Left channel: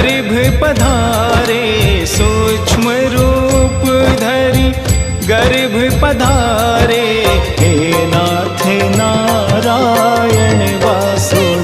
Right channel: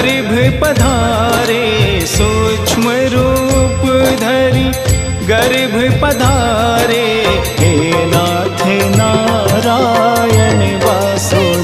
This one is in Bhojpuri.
गर्भ पधारे सूक्ष्म रूप धरी गर्भ पधारे हे नाथ नारायण वासुदेव।